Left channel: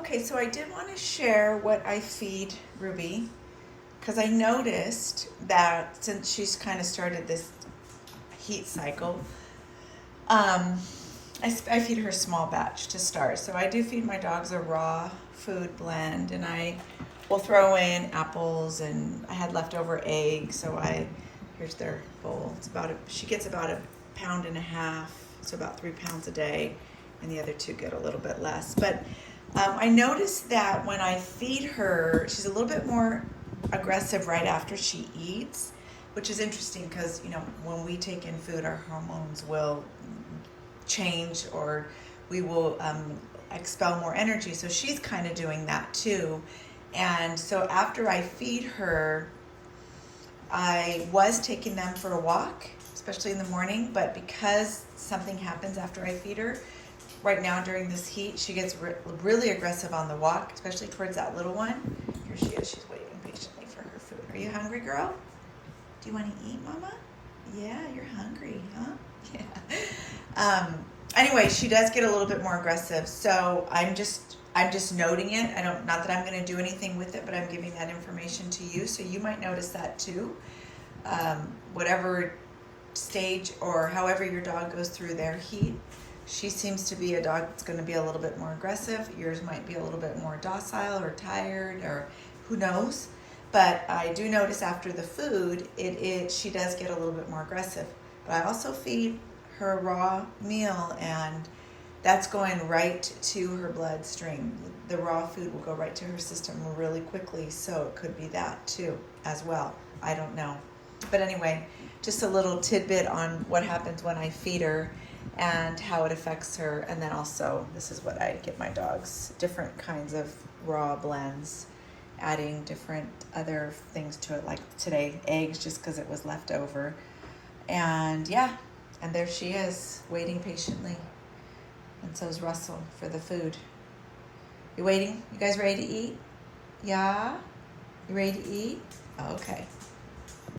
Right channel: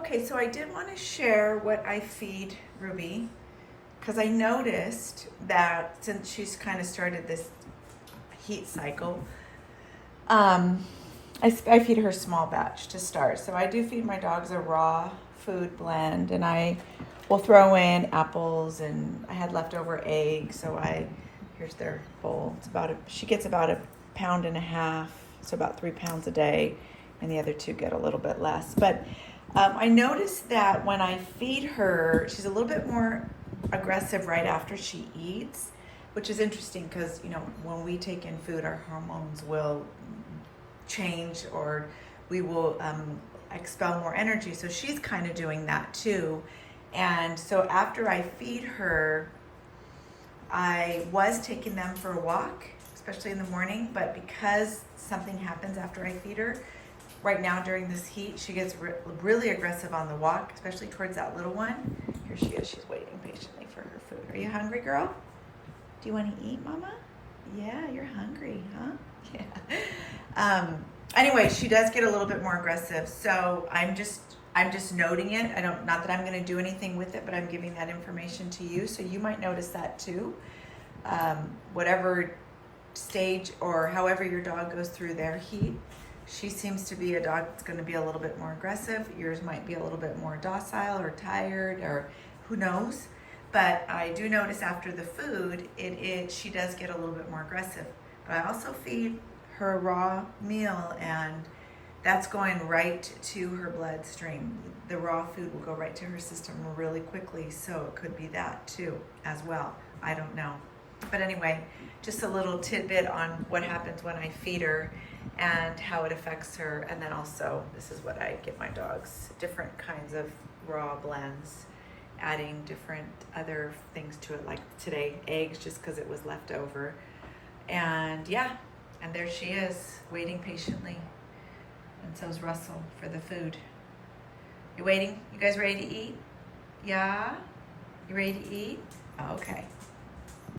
Okay, so I did want to share what I feed Ruby because I noticed that since she's kind of started this heat cycle, um, I feed her a small batch to start. So I do feed my dogs a raw food blend, and I will throw in apples, and I had leftover eggs, so here's their bowl. She gets about 1.5 pounds, so about 3 pounds a day, and the other two get a little bit less. But I noticed that when I feed her, she's a little bit more aggressive right after she eats, which is interesting because, when we take in food, our hormones will change, or we will expel more energy. So she's kind of doing that too. And so after I feed her, I was taking them for a walk, especially in the morning, but because something happens after I feed her, right now during this heat, she gets really aggressive on the walk, especially towards that little one. Here she is, she's waiting patiently for her food. Are you hungry, girl? Do you want to eat, Mama? Yeah, you're hungry, huh? Yeah. Anyway, she does get a little bit more aggressive, so I'm just noting it. Not that I'm going to do anything with it, but I'm giving that information to you, so you might notice that too. Whatever stage or however your dog goes through their heat, she seems to be a dog that's going to be a little bit more aggressive. Yours might be a little bit more docile or tired, or who knows. But I do notice after the food, she does get a little bit more aggressive. But I also feed her raw meal, and that's going right to her bloodstream. The raw food will go right to her system really quickly, so it could be that too as well. I don't know. But anyway, just a little tidbit on what happens when I feed her and how it affects her. And then also, this is what I give my dogs, different kinds of raw blends, adding different other things to it, like today, eggs, just because it was left over. And yeah, and there she is, waiting patiently. And so is Russell for the food. You waiting? You guys ready to eat? Yeah? You ready to eat? Okay.